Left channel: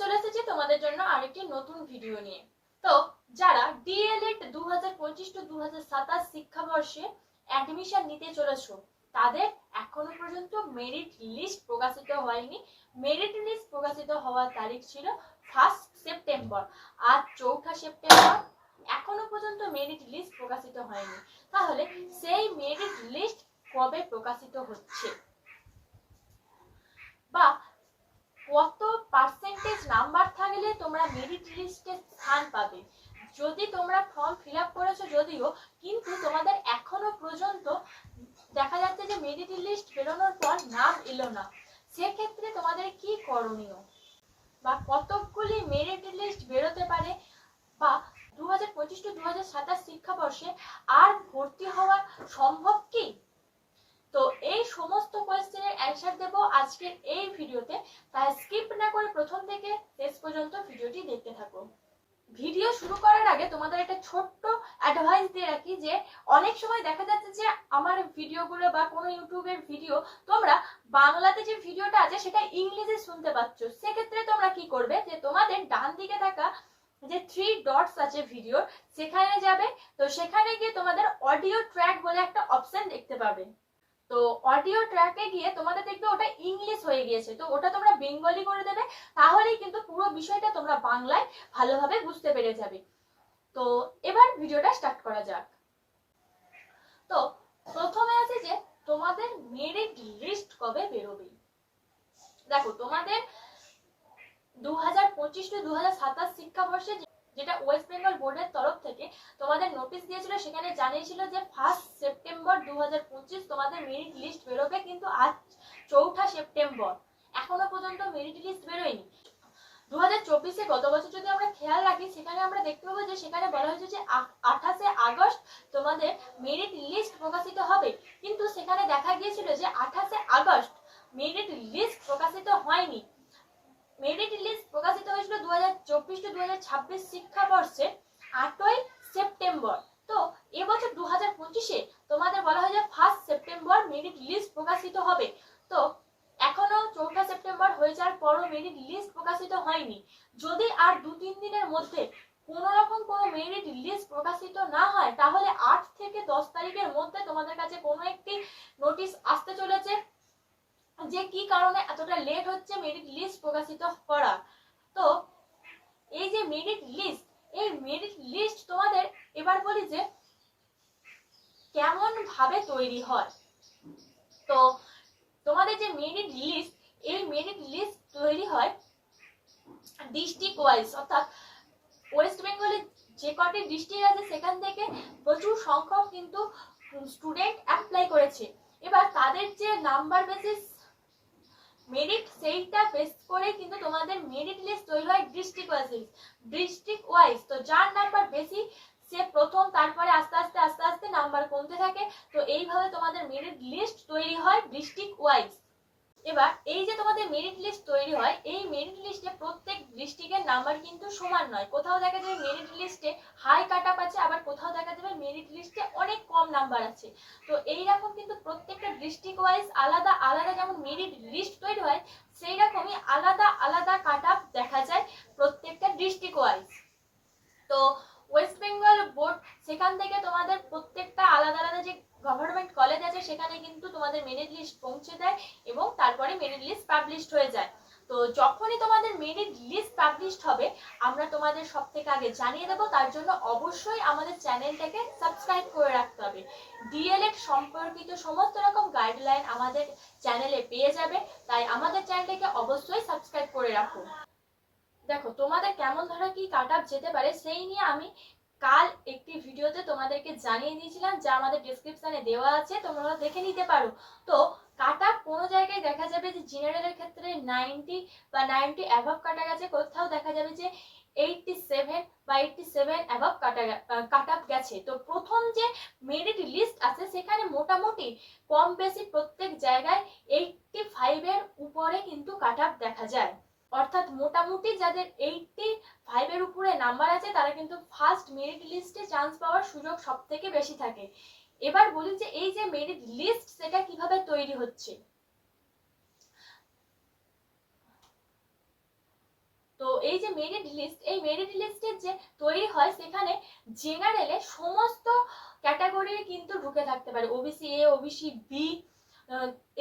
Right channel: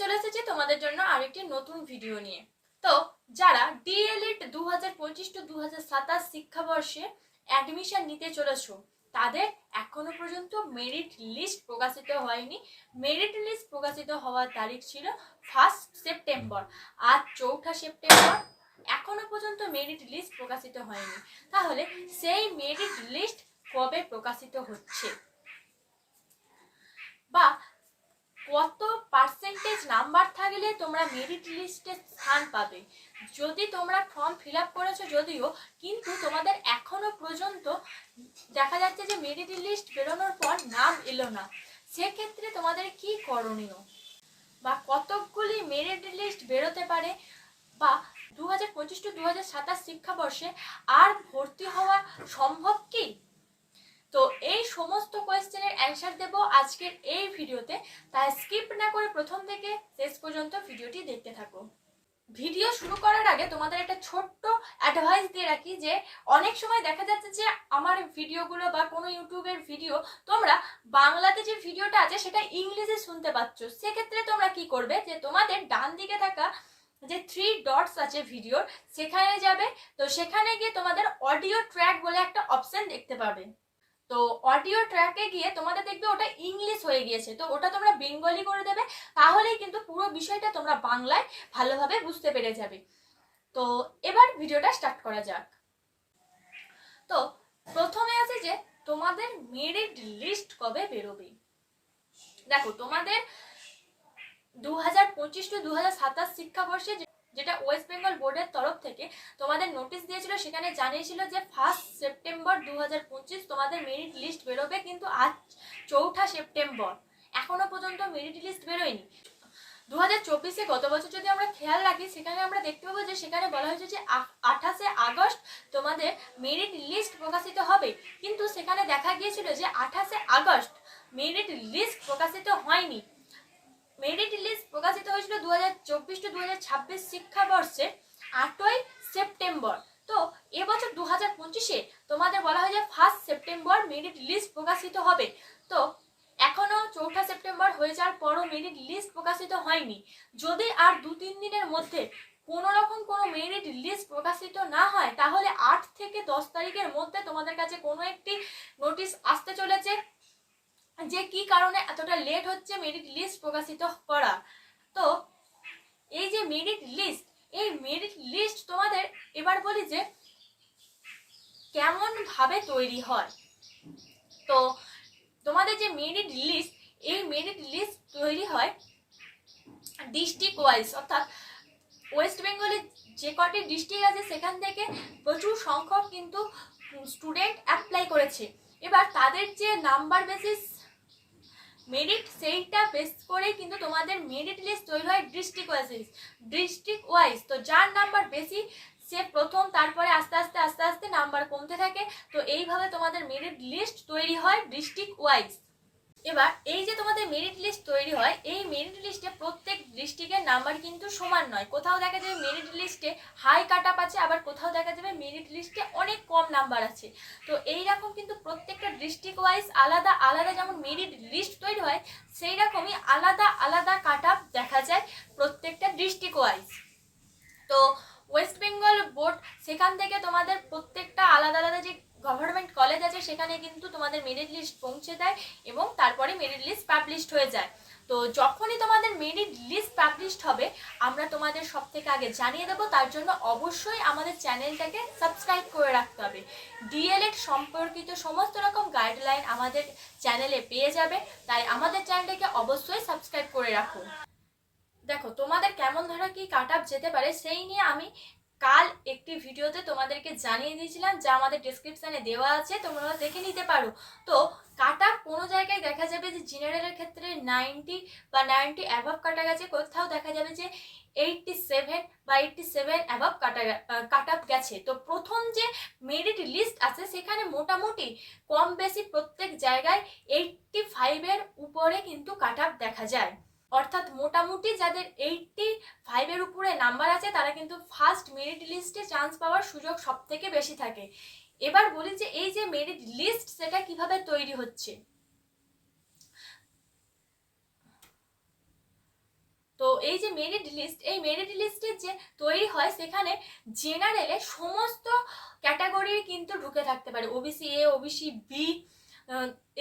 চলে এসেছি তোমাদের জন্য আরেকটি নতুন ভিডিও নিয়ে। তো যারা ডিএলএড দু হাজার শিক্ষাবর্ষে অ্যাডমিশন নিতে চলেছো, তাদের এখনও পর্যন্ত মেরিট লিস্ট প্রকাশিত হয়নি। মেরিট লিস্ট প্রকাশিত হওয়ার তারিখ ছিল ফার্স্ট সেপ্টেম্বর আজ চৌঠা সেপ্টেম্বর এখনও পর্যন্ত মেরিট লিস্ট প্রকাশিত হয়নি। তাহলে সেই মেরিট লিস্ট কবে প্রকাশিত হচ্ছে? বা কত পার্সেন্টেজ নাম্বার থাকলে তোমরা মেরিট লিস্টে স্থান পাবে? যদি তোমরা ফর্ম ফিল আপ করেছ যদিও, কিন্তু তোমাদের এখনও পর্যন্ত দেখা যাচ্ছে যে মেরিট লিস্ট বেরোনোর পর নাম এলো না। সেক্ষেত্রে তোমাদের কি করণীয়? বা কতকগুলি মেরিট লিস্ট বেরোতে পারে? বা দু হাজার পঁচিশ টু দু হাজার সাতাশ শিক্ষাবর্ষে আর ভর্তি হওয়া সম্ভব কি? তো এই সমস্ত কোয়েশ্চেনের অ্যান্সার দেব আজকের এই ভিডিওতে। তাই স্কিপ না করে প্রথম থেকে শেষ পর্যন্ত ভিডিওটি দেখতে থাকো। ভিডিও শুরু করার আগে তোমাদের একটা ছোট্ট অ্যাডভাইস দিয়ে রাখি যে, অনেক সময় দেখা যাচ্ছে যে আমার ভিডিওগুলো বা কোনো ইউটিউবের ভিডিও তোমরা বাংলাতে যে ভিডিওটা আছে সেটা ইংলিশে শুনতে পাচ্ছ। সেক্ষেত্রে তোমরা কি করবে যে, তোমাদের ডান দিকে থাকা যে থ্রি ডটস আছে ভিডিওর, সেখানে যাবে। তো সেখানে গিয়ে তোমাদের অডিও ট্র্যাক বলে একটা অপশন দেখতে পাবে। তো অডিও ট্র্যাকে গিয়ে তোমাদের দেখবে ওটা ইংলিশ হয়ে গিয়েছে। তো ওটা তোমরা বেঙ্গলি করে দেবে, তাহলেই কিন্তু পুরো বিষয়টা তোমরা বাংলায় ভালোভাবে বুঝতে পেরে যাবে। তো এবার ভিডিওটা স্টার্ট করা যাক। তো প্রথমে আছে যে, তোমাদের মেরিট লিস্ট কবে বেরোবে? দেখো, তোমাদের দু হাজার পঁচিশ টু দু হাজার সাতাশ শিক্ষাবর্ষে যেটা ওয়েস্ট বেঙ্গল বোর্ডের তরফ থেকে তোমাদের নোটিশ দিয়েছিল, সেখানে জানিয়েছিল যে ফার্স্ট সেপ্টেম্বর দু হাজার পঁচিশ তোমাদের মেরিট লিস্ট বেরোবে কিন্তু আজ চৌঠা সেপ্টেম্বর এখনও পর্যন্ত মেরিট লিস্ট বেরোয়নি। দু হাজার চব্বিশে গত বছর যদি আমরা খেয়াল রাখি, সেখানে আমরা দেখতে পাবো যে সেখানে বলা হয়েছে যে আঠাশে আগস্ট তোমাদের মেরিট লিস্ট প্রকাশিত হবে। কিন্তু সেখানে দেখা গিয়েছিল যে আঠাশে আগস্ট মেরিট লিস্ট প্রকাশিত হয়নি। মেরিট লিস্ট প্রকাশিত হয়েছিল দু হাজার চব্বিশ টু দু হাজার ছাব্বিশ শিক্ষাবর্ষে আটই সেপ্টেম্বর। তো এবছর দু হাজার পঁচিশে তোমাদের বলা হয় যে ফার্স্ট সেপ্টেম্বর মেরিট লিস্ট প্রকাশিত হবে। তো এখনও চৌঠা সেপ্টেম্বর হয়ে যাওয়ার পরও মেরিট লিস্ট প্রকাশিত হয়নি। যদি আর দু তিন দিনের মধ্যে কোনো রকম কোনো মেরিট লিস্ট প্রকাশিত না হয়, তাহলে আট থেকে দশ তারিখের মধ্যে তোমাদের কাছে কোনো একটি নোটিশ আসতে চলেছে। যে কি কারণে এতটা লেট হচ্ছে মেরিট লিস্ট প্রকাশিত করা? তো এই যে মেরিট লিস্ট এই মেরিট লিস্ট তোমাদের এবার বলি যে কেমন ভাবে তৈরি হয়? তো তোমাদের যে মেরিট লিস্ট এই মেরিট লিস্ট তৈরি হয় ডিস্ট্রিক্ট ওয়াইজ অর্থাৎ ওয়েস্ট বেঙ্গলে যে কটি ডিস্ট্রিক্ট আছে, সেখান থেকে প্রচুর সংখ্যক কিন্তু স্টুডেন্ট অ্যাপ্লাই করেছে। এবার তাদের যে নাম্বার বেসিস মেরিট সেইটা বেস করে কিন্তু তোমাদের মেরিট লিস্ট তৈরি হয় ডিস্ট্রিক্ট ওয়াইজ ডিস্ট্রিক্ট ওয়াইজ তো যার নাম্বার বেশি, সে প্রথম, তারপরে আস্তে আস্তে আস্তে আস্তে নাম্বার কমতে থাকে। তো এইভাবে তোমাদের মেরিট লিস্ট তৈরি হয় ডিস্ট্রিক্ট ওয়াইজ এবার এই যে তোমাদের মেরিট লিস্ট তৈরি হয়, এই মেরিট লিস্টে প্রত্যেক ডিস্ট্রিক্টের নাম্বার কিন্তু সমান নয়। কোথাও দেখা যাবে মেরিট লিস্টে হাই কাট আপ আছে, আবার কোথাও দেখা যাবে মেরিট লিস্টে অনেক কম নাম্বার আছে। তো এই রকম কিন্তু প্রত্যেকটা ডিস্ট্রিক্ট ওয়াইজ আলাদা আলাদা যেমন মেরিট লিস্ট তৈরি হয় সেই রকমই আলাদা আলাদা কাট আপ দেখা যায় প্রত্যেকটা ডিস্ট্রিক্ট ওয়াইজ তো ওয়েস্ট বেঙ্গল বোর্ড সেখান থেকে তোমাদের প্রত্যেকটা আলাদা আলাদা যে গভর্নমেন্ট কলেজ আছে, সেখানে কিন্তু তোমাদের মেরিট লিস্ট পৌঁছে দেয় এবং তারপরে মেরিট লিস্ট পাবলিশড হয়ে যায়। তো যখনই তোমাদের মেরিট লিস্ট পাবলিশড হবে, আমরা তোমাদের সব থেকে আগে জানিয়ে দেবো, তার জন্য অবশ্যই আমাদের চ্যানেলটাকে সাবস্ক্রাইব করে রাখতে হবে। ডিএলএড সম্পর্কিত সমস্ত রকম গাইডলাইন আমাদের চ্যানেলে পেয়ে যাবে, তাই আমাদের চ্যানেলটাকে অবশ্যই সাবস্ক্রাইব করে রাখো। দেখো, তোমাদের কেমন ধরো কি কাট আপ যেতে পারে, সেই নিয়ে আমি কাল একটি ভিডিওতে তোমাদেরকে জানিয়ে দিয়েছিলাম, যা আমাদের ডিসক্রিপশানে দেওয়া আছে, তোমরা দেখে নিতে পারো। তো কাট কোনো জায়গায় দেখা যাবে যে জেনারেলের ক্ষেত্রে নাইনটি বা নাইনটি অ্যাভাব কাটা গেছে, কোথাও দেখা যাবে যে এইটটি সেভেন বা এইটটি সেভেন অ্যাভাব কাটা কাট আপ গেছে। তো প্রথম যে মেরিট লিস্ট আছে, সেখানে মোটামুটি কম বেশি প্রত্যেক জায়গায় এইটটি ফাইভের উপরে কিন্তু কাট আপ দেখা যায়। অর্থাৎ মোটামুটি যাদের এইটটি ফাইভের উপরে নাম্বার আছে, তারা কিন্তু ফার্স্ট মেরিট লিস্টে চান্স পাওয়ার সুযোগ সব থেকে বেশি থাকে। এবার বলি যে এই যে মেরিট লিস্ট সেটা কীভাবে তৈরি হচ্ছে। তো এই যে মেরিট লিস্ট এই মেরিট লিস্টের যে তৈরি হয়, সেখানে জেনারেলে সমস্ত ক্যাটাগরি কিন্তু ঢুকে থাকতে পারে। OBC A OBC B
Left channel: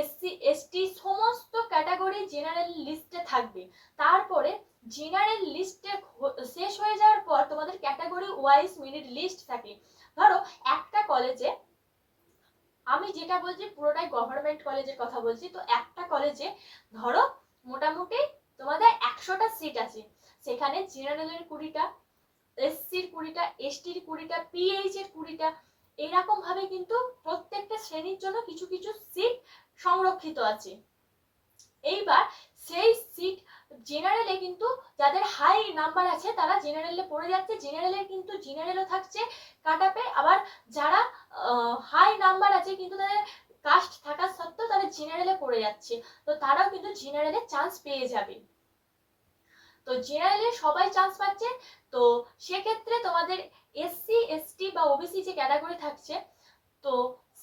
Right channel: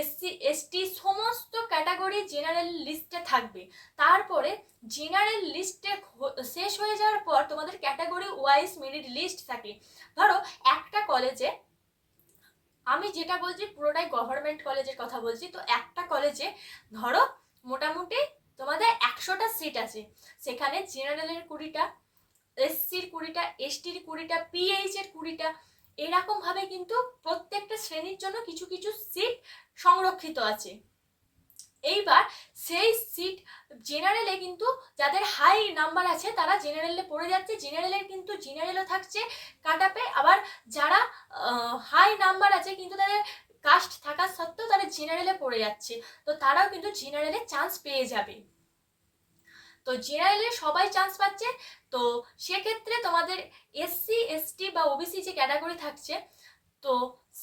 SC, ST সমস্ত ক্যাটাগরি জেনারেল লিস্টে থাকবে। তারপরে জেনারেল লিস্টে শেষ হয়ে যাওয়ার পর তোমাদের ক্যাটাগরি ওয়াইজ মেরিট লিস্ট থাকে। ধরো, একটা কলেজে আমি যেটা বলছি পুরোটাই গভর্নমেন্ট কলেজের কথা বলছি, তো একটা কলেজে ধরো মোটামুটি তোমাদের একশোটা সিট আছে। সেখানে জেনারেলের কুড়িটা, এসসির কুড়িটা, এসটির কুড়িটা পিএইচ এর কুড়িটা এরকম ভাবে কিন্তু প্রত্যেকটা শ্রেণির জন্য কিছু কিছু সিট সংরক্ষিত আছে। এইবার সেই সিট জেনারেলে কিন্তু যাদের হাই নাম্বার আছে তারা জেনারেলে পড়ে যাচ্ছে। জেনারেলের কিন্তু জেনারেলও থাকছে কাটাপে আবার যারা হাই নাম্বার আছে কিন্তু তাদের কাস্ট থাকা সত্ত্বেও তারা জেনারেলে পড়ে যাচ্ছে। তো তারাও কিন্তু জেনারেলে চান্স পেয়ে যাবে। তো জেনারেলে সবাই চান্স পাচ্ছে। তো সেক্ষেত্রে তোমাদের এসসি এসটি বা ওবিসি যে ক্যাটাগরি থাকছে, তো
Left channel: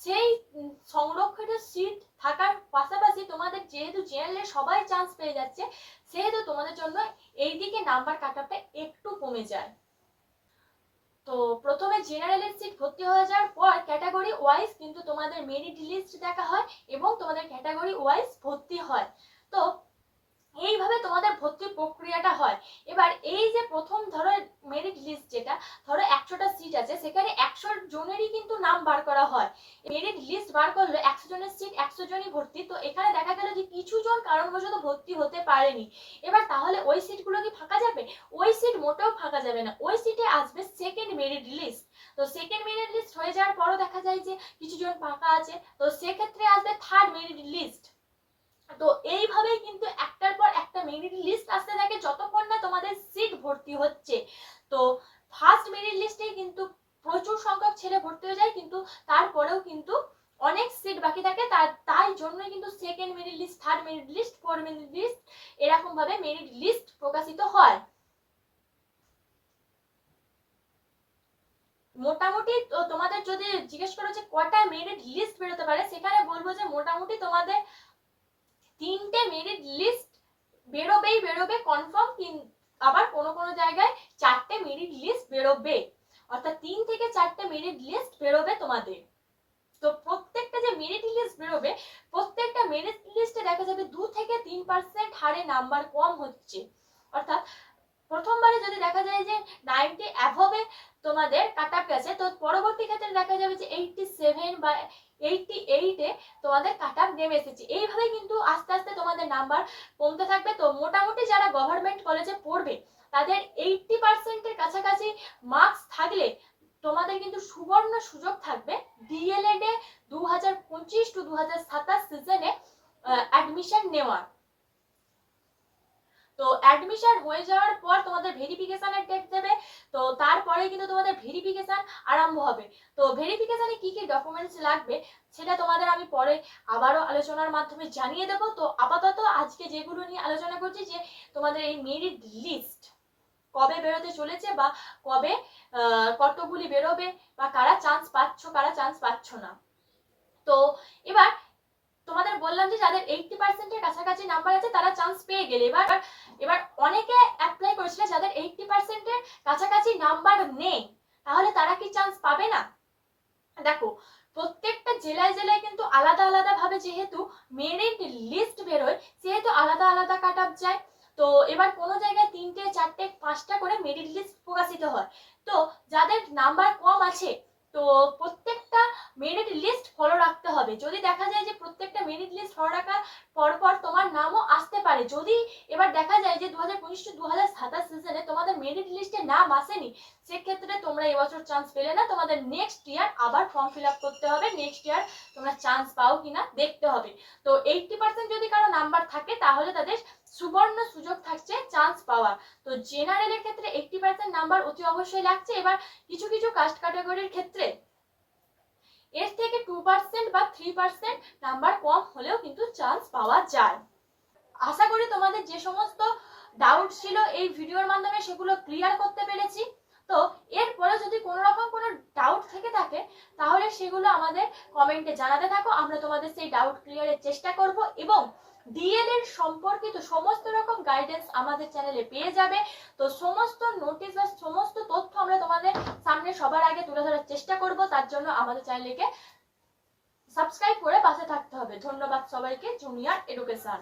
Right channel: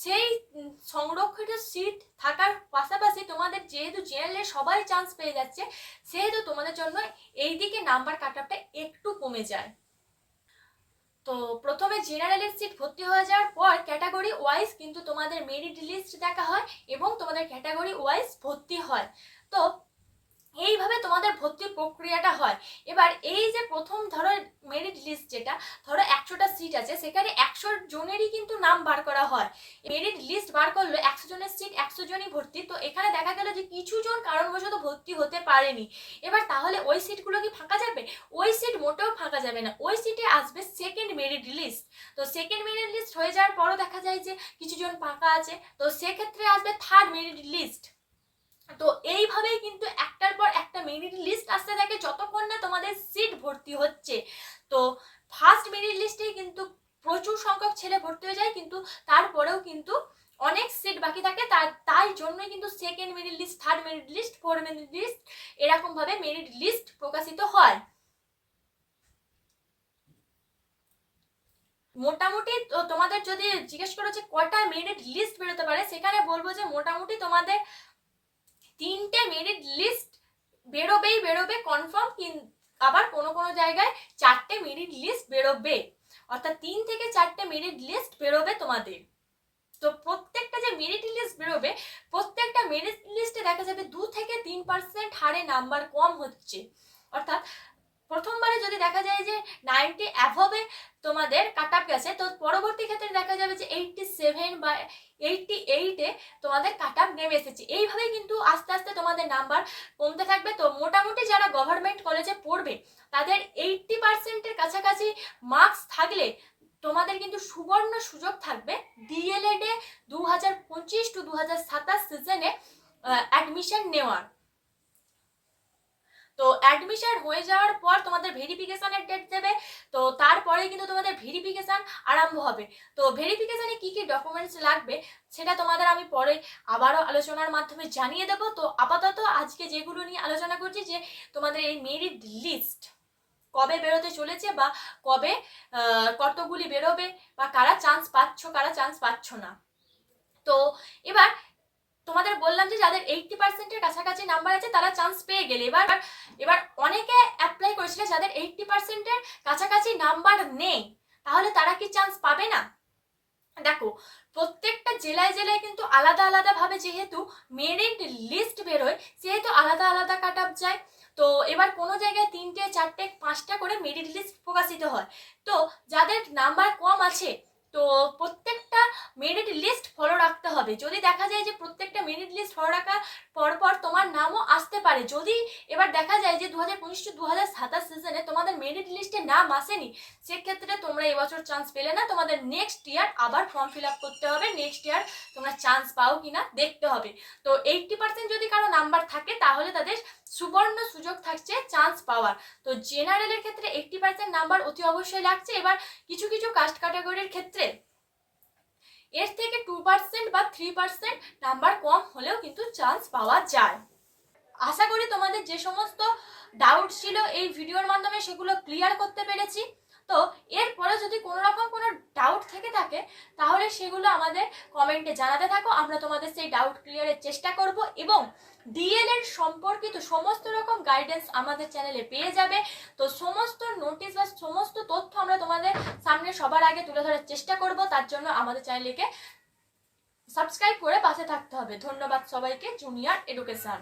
সেই সংরক্ষিত সিট থাকার পাশাপাশি তোমাদের যেহেতু জেনারেলে সবাই চান্স পেয়ে যাচ্ছে, সেহেতু তোমাদের জন্য এই দিকে নাম্বার কাটআপটা একটু কমে যায়। তো প্রথমে জেনারেলের সিট ভর্তি হয়ে যাওয়ার পর ক্যাটাগরি ওয়াইজ কিন্তু তোমাদের মেরিট লিস্ট দেখা হয় এবং তোমাদের ক্যাটাগরি ওয়াইজ ভর্তি হয়। তো এইভাবে তোমাদের ভর্তির প্রক্রিয়াটা হয়। এবার এই যে প্রথম ধরো মেরিট লিস্ট যেটা, ধরো একশোটা সিট আছে, সেখানে একশো জনেরই কিন্তু নাম বার করা হয়। মেরিট লিস্ট বার করল একশো জনের সিট একশো জনই ভর্তি। তো এখানে দেখা গেল যে কিছু জন কারণবশত ভর্তি হতে পারেনি। এবার তাহলে ওই সিটগুলো কি ফাঁকা যাবে? ওই সিট মোটেও ফাঁকা যাবে না। ওই সিটে আসবে সেকেন্ড মেরিট লিস্ট তো সেকেন্ড মেরিট লিস্ট হয়ে যাওয়ার পরও দেখা যায় যে কিছু জন ফাঁকা আছে। তো সেক্ষেত্রে আসবে থার্ড মেরিট লিস্ট তো এইভাবেই কিন্তু একটার পর একটা মেরিট লিস্ট আসতে থাকে যতক্ষণ না তোমাদের সিট ভর্তি হচ্ছে। তো ফার্স্ট মেরিট লিস্টেই কিন্তু প্রচুর সংখ্যক ছেলে ভর্তি হয়ে যায় কিন্তু তারপরেও কিন্তু অনেক সিট বাকি থাকে। তার তাই জন্যই কিন্তু second merit list third merit list fourth merit list এরকমভাবে মেরিট লিস্ট প্রকাশিত হয়। মোটামুটি তো তোমাদের যদি জিজ্ঞেস করো যে কটা মেরিট লিস্ট বেরোতে পারে, সেখানে বলব যে মোটামুটি তোমাদের তিনটে মেরিট লিস্ট বেরোবেই বেরোবে কনফার্ম আবার কোনো কোনো জায়গায় চারটে মেরিট লিস্ট বেরোবে। অর্থাৎ তিন থেকে চারটে মেরিট লিস্ট বেরোবে তোমাদের। তো প্রত্যেকটা যে মেরিট লিস্ট বেরোবে, প্রত্যেকটা মেরিট লিস্টে দেখা যাবে দু থেকে তিন পার্সেন্ট হারে নাম্বার কম হচ্ছে। অর্থাৎ প্রথমবারে যদি দেখা যায় যে নাইনটি অ্যাভবে তোমাদের কাট আপ গেছে, তো পরবর্তী ক্ষেত্রে দেখা যাবে যে এইটটি সেভেন বা এইটটি এইটে তোমাদের কাট আপ নেমে এসেছে। এইভাবে কিন্তু আস্তে আস্তে তোমাদের নাম্বার কমতে থাকবে। তো মোটামুটি যারা গভর্নমেন্ট কলেজে পড়বে, তাদের এইটটি পার্সেন্টের কাছাকাছি মার্কস থাকলে তোমাদের কিন্তু সুবর্ণ সুযোগ থাকবে ডিএলএড দু হাজার পঁচিশ টু দু হাজার সাতাশ সিজনে অ্যাডমিশন নেওয়ার। তো অ্যাডমিশন হয়ে যাওয়ার পর তোমাদের ভেরিফিকেশনের ডেট দেবে, তো তারপরে কিন্তু তোমাদের ভেরিফিকেশন আরম্ভ হবে। তো ভেরিফিকেশনে কি কি ডকুমেন্টস লাগবে সেটা তোমাদের আমি পরে আবারও আলোচনার মাধ্যমে জানিয়ে দেব। তো আপাতত আজকে যেগুলো নিয়ে আলোচনা করছি যে তোমাদের এই মেরিট লিস্ট কবে বেরোতে চলেছে বা কবে কতগুলি বেরোবে বা কারা চান্স পাচ্ছ, কারা চান্স পাচ্ছ না। তো এবার তোমাদের বললাম যে যাদের এইটটি পার্সেন্টের কাছাকাছি নাম্বার আছে, তারা চান্স পেয়ে গেলে। এবার এবার অনেকে অ্যাপ্লাই করেছিল যাদের এইটটি পার্সেন্টের কাছাকাছি নাম্বার নেই, তাহলে তারা কি চান্স পাবে না? দেখো, প্রত্যেকটা জেলায় জেলায় কিন্তু আলাদা আলাদা ভাবে যেহেতু মেরিট লিস্ট বেরোয় সেহেতু আলাদা আলাদা কাট আপ যায়। তো এবার কোনো জায়গায় তিনটে, চারটে, পাঁচটা করে মেরিট লিস্ট প্রকাশিত হয়। তো যাদের নাম্বার কম আছে, তো প্রত্যেকটা মেরিট লিস্ট ফলো রাখতে হবে। যদি দেখা যায় যে প্রত্যেকটা মেরিট লিস্ট ফলো রাখার পরপর তোমার নামও আসতে পারে, যদি এবার দেখা যায় যে দু হাজার পঁচিশ টু দু হাজার সাতাশ সিজনে তোমাদের মেরিট লিস্টে নাম আসেনি, সেক্ষেত্রে তোমরা এবছর চান্স পেলে না, তোমাদের নেক্সট ইয়ার আবার ফর্ম ফিল আপ করতে হবে নেক্সট ইয়ার তোমরা চান্স পাও কি না দেখতে হবে। তো এইটটি পার্সেন্ট যদি কারও নাম্বার থাকে, তাহলে তাদের সুবর্ণ সুযোগ থাকছে চান্স পাওয়ার। তো জেনারেলের ক্ষেত্রে এইটটি পার্সেন্ট নাম্বার অতি অবশ্যই লাগছে। এবার কিছু কিছু কাস্ট ক্যাটাগরির ক্ষেত্রে এর থেকে টু পার্সেন্ট বা থ্রি পার্সেন্ট নাম্বার কম হলেও কিন্তু চান্স পাওয়া যায়। আশা করি তোমাদের যে সমস্ত ডাউট ছিল এই ভিডিওর মাধ্যমে সেগুলো ক্লিয়ার করতে পেরেছি। তো এরপরে যদি কোনো রকম কোনো ডাউট থেকে থাকে, তাহলে সেগুলো আমাদের কমেন্টে জানাতে থাকো। আমরা তোমাদের সেই ডাউট ক্লিয়ারের চেষ্টা করব এবং ডিএলএড সম্পর্কিত সমস্ত রকম গাইডেন্স আমাদের চ্যানেলে পেয়ে যাবে। তো সমস্ত নোটিশ বা সমস্ত তথ্য আমরা তোমাদের সামনে সবার আগে তুলে ধরার চেষ্টা করব। তার জন্য আমাদের চ্যানেলকে সাবস্ক্রাইব করে পাশে থাকতে হবে। ধন্যবাদ সবাইকে জুনিয়র এডুকেশন